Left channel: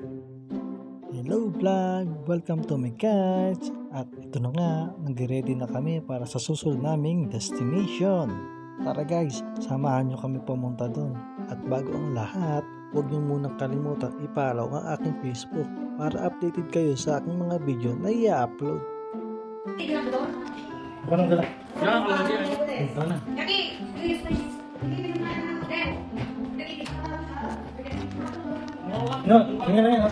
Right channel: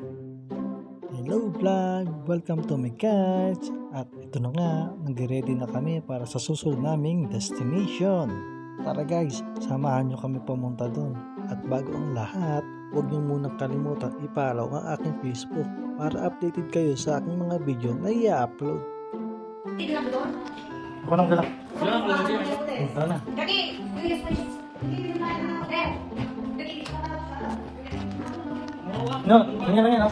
Hello vlog! Welcome to my catch! At ito na nga, nag-ready na kami para sa susunod naming destination. Tara guys, samahan nyo kami pumunta doon. At bago ang lahat, huwag nyo munang kalimutan i-follow ang aking Facebook para updated kayo sa aking mga video na i-upload. Ako nang galak. Ito na. No, ganyan lang yan, no?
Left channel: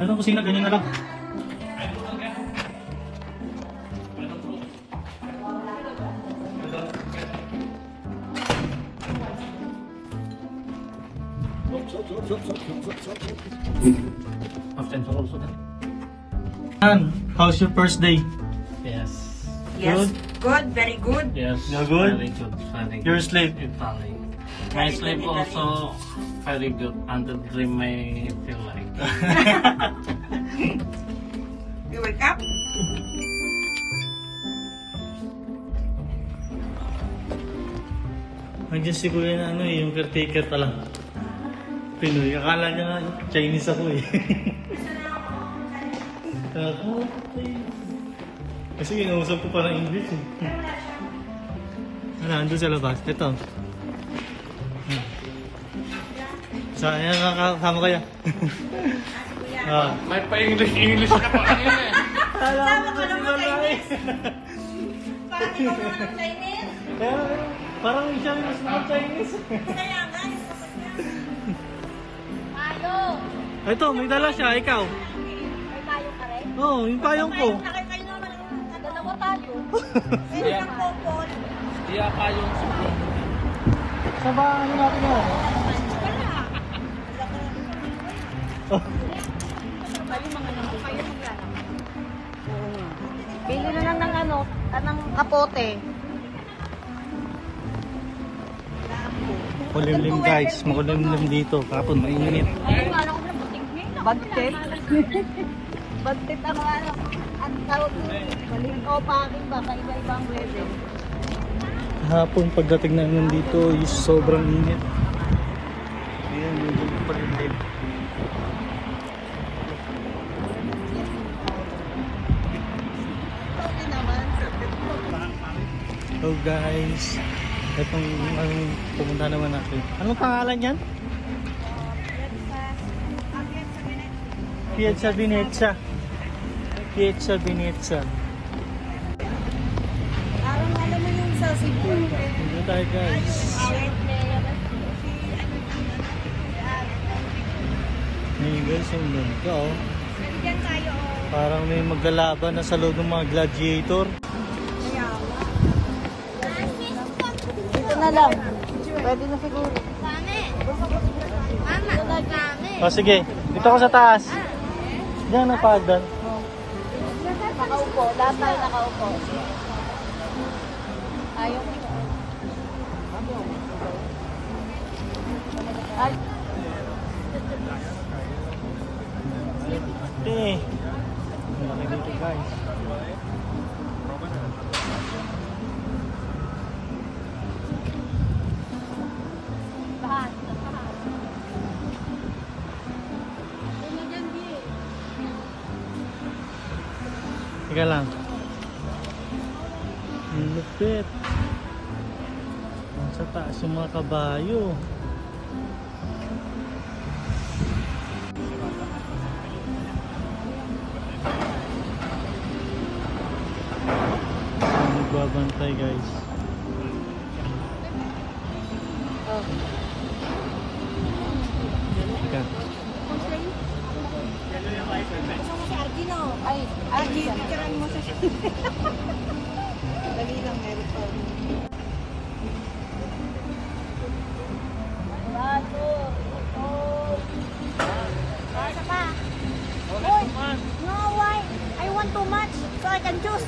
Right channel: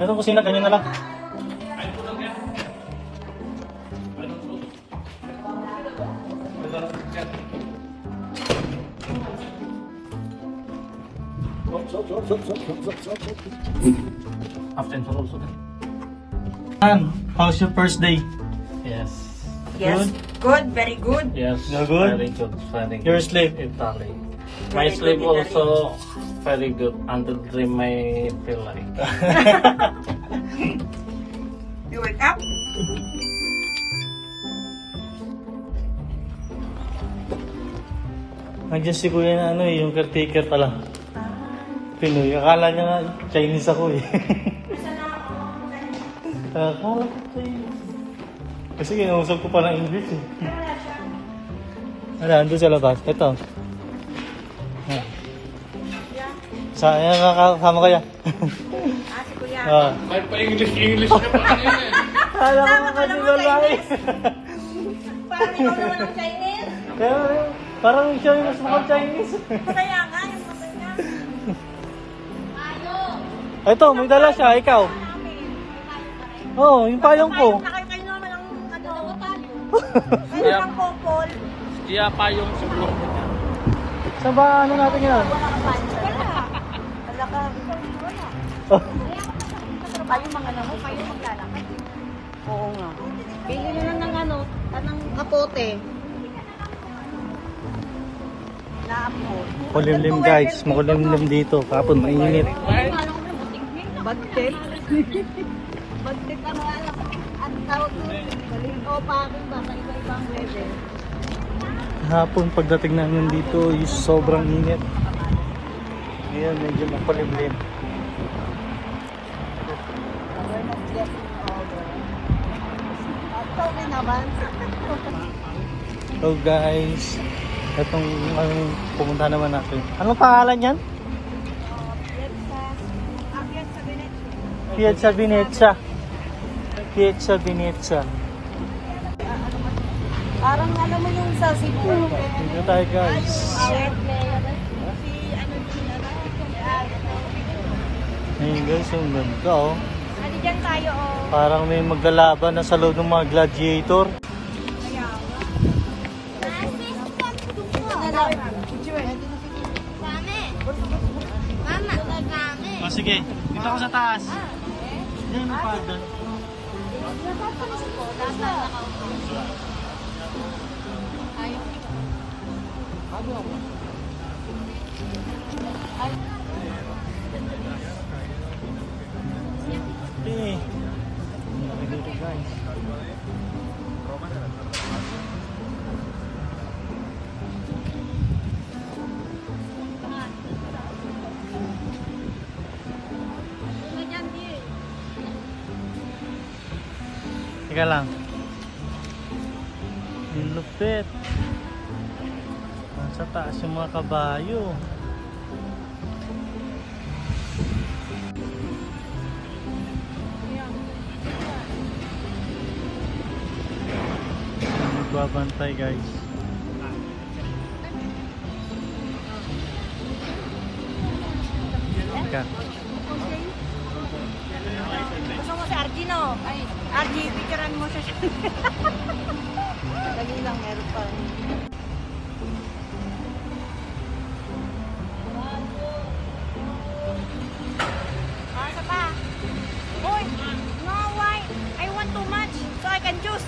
Ano kusina, ganyan na lang. How's your first day? Yes. Yes, good, very good. Yes. No good? Very good. Very Your good. sleep? Italy. My sleep also very good until dream I feel like. You wake up? Nandiyan si Kuya na ano yung caretaker pala. Pinoy. Akala niya nga Chinese ako eh. Akala ko Chinese. Kasi kinausap ko pa ng English eh. Ano, ando sa labas. Ito. Ayan, kasama kaya. Ah. May pa-English ka pa yan eh. Kala ko kasi lalaki. Parang ikaw na ng Chinese. Parang siya yung mas mukhang Chinese. Kaya nga, yung pusoy niya. Ano? Ito, may dala siya. Ikaw. Oo, oh, yung payong ko. Nakakain naman ang dalawa tayo. Yeah. Ang kupol. Iya pa yung sublok. Saan ba ano natin yan? Wala ka pansa. Wala ka. Oh. Kayo mga namo, kayo maglalakad. Oo nga. Bili na lang ng ano, ng kapote. Lampot. Makulimlim guys, makulimlim dito. Kapon mainit. Bagtit. Bagtit ang tawag ko. Maling o pa akin ba? Kalbal bang weather? Hapon pagdating namin dito is sobrang init. Ayan, medyo makulimlim. Okay naman. So guys, itong pumunta naman natin. Anong pangalan yan? Piazza Venezia. Piazza Venezia. Parang alam mo yung sa Cebu. Dito tayo guys. Ayun guys, yung ganda oh. Ano dyan tayo oh. Parang may maglalaban na sa loob ng mga gladiator. Dito na lang. Pwede na siguro. O sige, dito ako sa taas. Diyan na padan. Nakaupo. Lahat tayo nakaupo. Ayaw. Okay. Laki dito guys. Teka lang. Lupit. Sa taas yung mga kabayo. Nagbabantay guys. Teka. Argino. Ay, Argi, picturean mo siya. Dali lang, meron pa. Basta pa. Hoy, no, why? I want too much, so I can choose.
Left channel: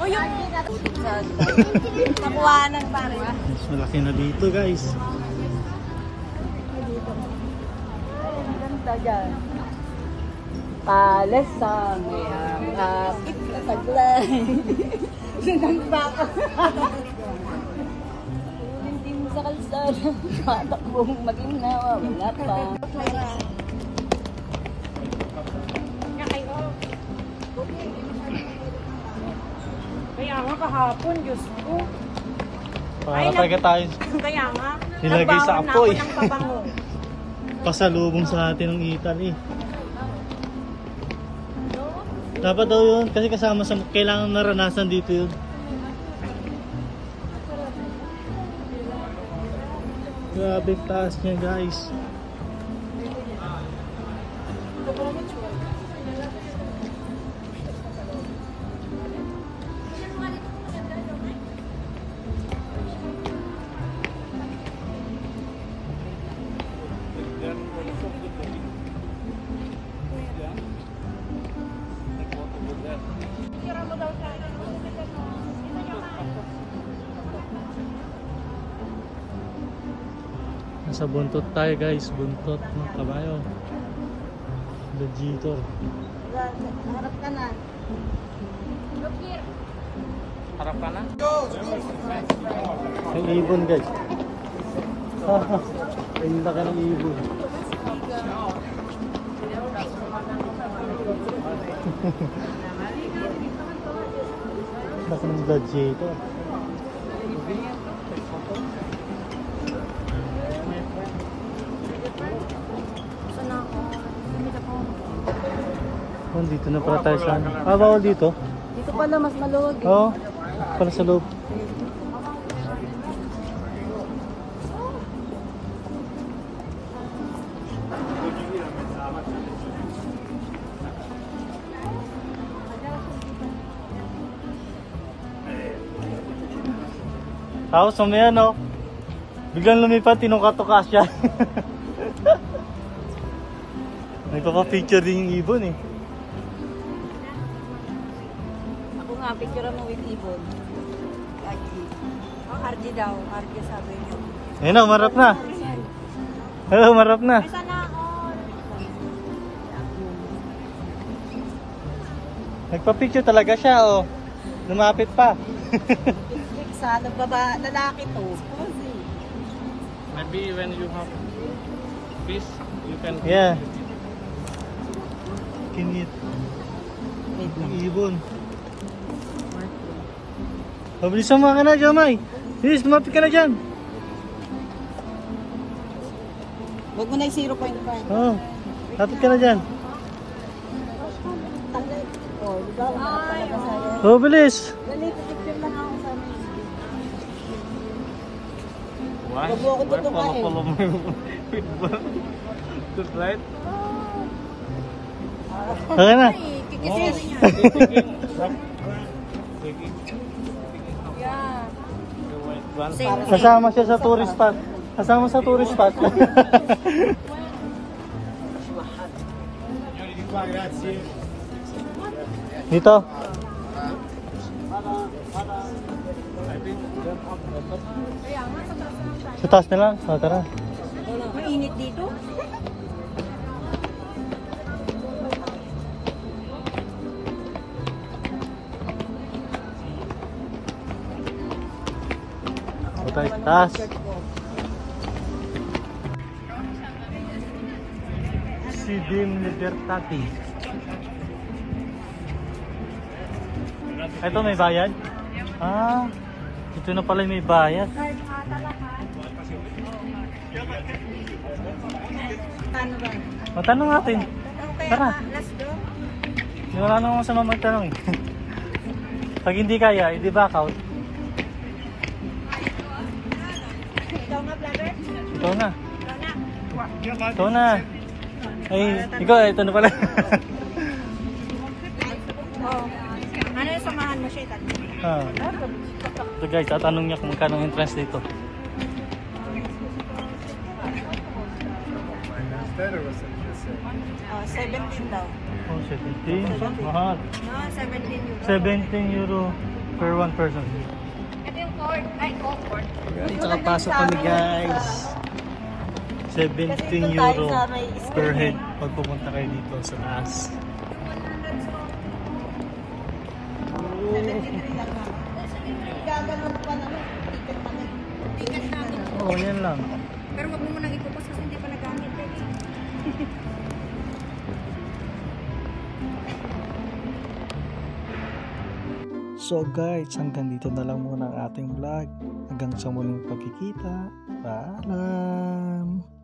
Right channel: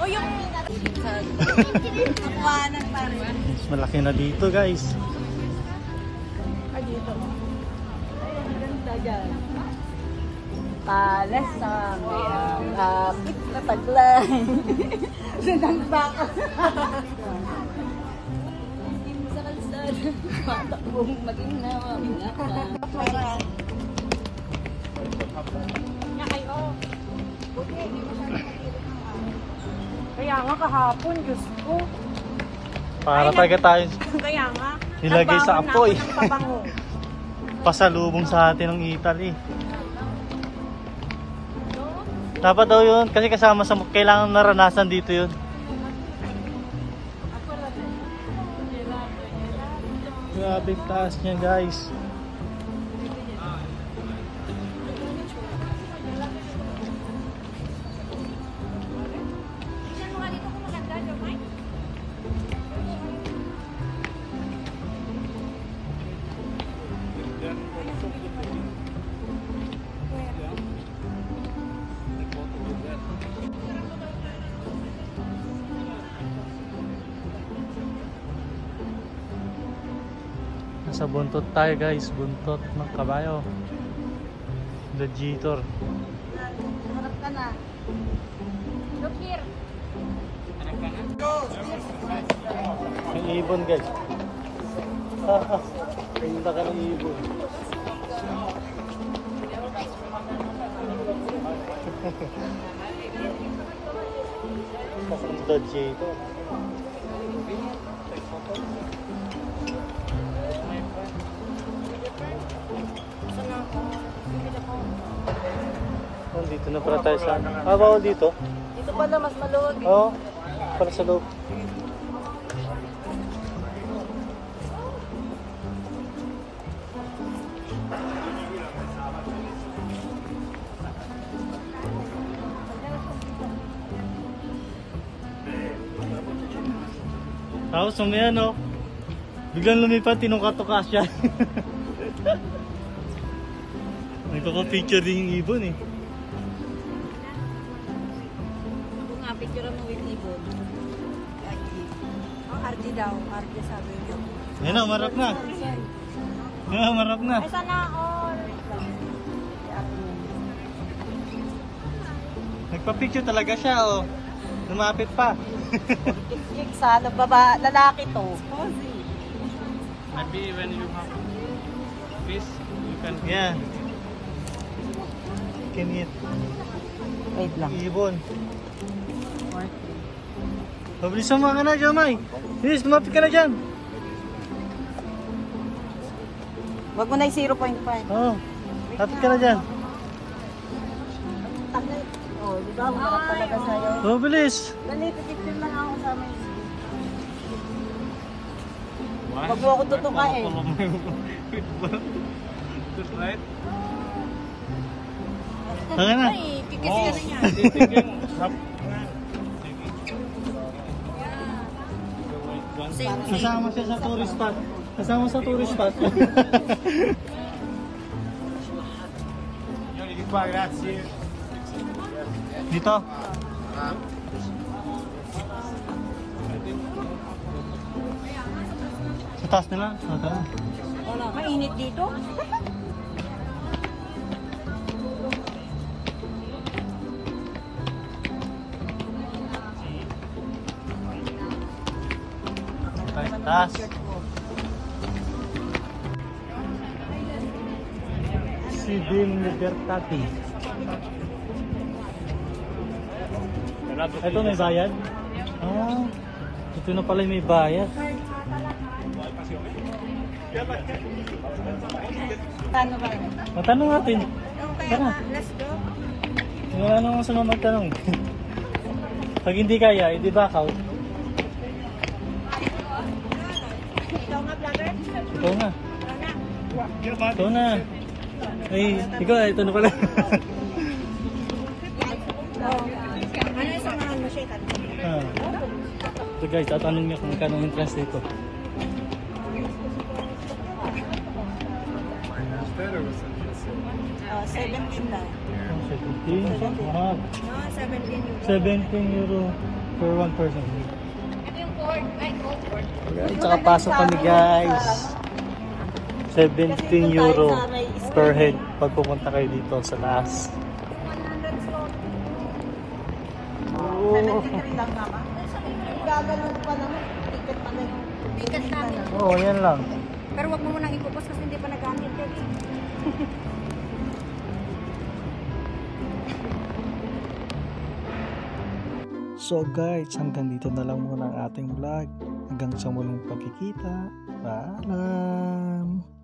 O yung nakuhanan pa rin. Mas malaki na dito guys. Ay, ganda dyan. Palasan, kapit na taglay. Sinang baka. Matakbong mag-inawa, wala pa. Kaya nga kahapon, Diyos ko. Para talaga tayo. Kaya nga, Nilagay sa nagbawan na ako apoy. ng pabango. Pasalubong sa atin ng Italy. Dapat daw yun, kasi kasama sa kailangan naranasan dito yun. Grabe taas niya guys. Nasa buntot tayo guys, buntot ng kabayo. Legitor. Harap ka na. Harap ka na? May ibon guys. Ayun na kayo ibon. Legitor. Dito na pa tayo sa parang dito. Ito pala mas malawag. Oo. Dito sa loob. Tapos mamaya no, biglang lumipat, tinuka-tuka siya. Nagpapapicture din yung ibon eh. Ako nga, picture mo with ibon. RG. Oh, RG daw. RG sabi niyo. Ayun na, umarap na. Ayun, umarap na. Ay, sana all. Nagpa-picture talaga siya oh. Lumapit pa. Sana lalaki to. Maybe when you have fish, you can Yeah. Can eat. Wait lang. Ibon. Pabilisan mo ka na, Jamay. Yes, lumapit ka na dyan. Wag mo na yung 0.5. Oo. Lapit ka na dyan. Oh, di ba? Umarap talaga sa'yo. Oh, bilis. Dali, picture lang ako sa amin. Why? Wag mo ako tutukain. Good, right? Okay na. Kikisiri niya. Yeah. Same. Kasama siya sa tourist spot. Kasama sa tourist spot. Dito. Sa taas na lang. O, tara. Mainit dito. Ito ay taas. Si Dim Libertati. Ito may bayad? Ah, ito na pala may bayad. Paano ba? Matanong natin. Okay, Tara. let's go. Wala namang masama magtanong. Pag hindi kaya, hindi back out. Ikaw nga, vlogger? Ikaw na. Ikaw na. Ikaw na. Ay, ikaw, ito na pala. Oh. Ano yung samahan mo siya? Ah. So guys, tatanong niya kung magkano ang entrance dito. Oh, 17 daw. Oh, 17. Mahal. No, 17 euro. 17 euro per one person. Ito yung cord. Ay, cord. Guys, tsaka pasok kami guys. 17 euro per head pag pupunta kayo dito sa taas. 100 stone. Oh. Lang naman. Gaganon pa naman. Ticket pa rin. Ticket na ano. Oo, yan lang. Pero wag mo munang ipopost kasi hindi pa nagamit eh. So guys, hanggang dito na lang muna ang ating vlog. Hanggang sa muling pagkikita. Paalam!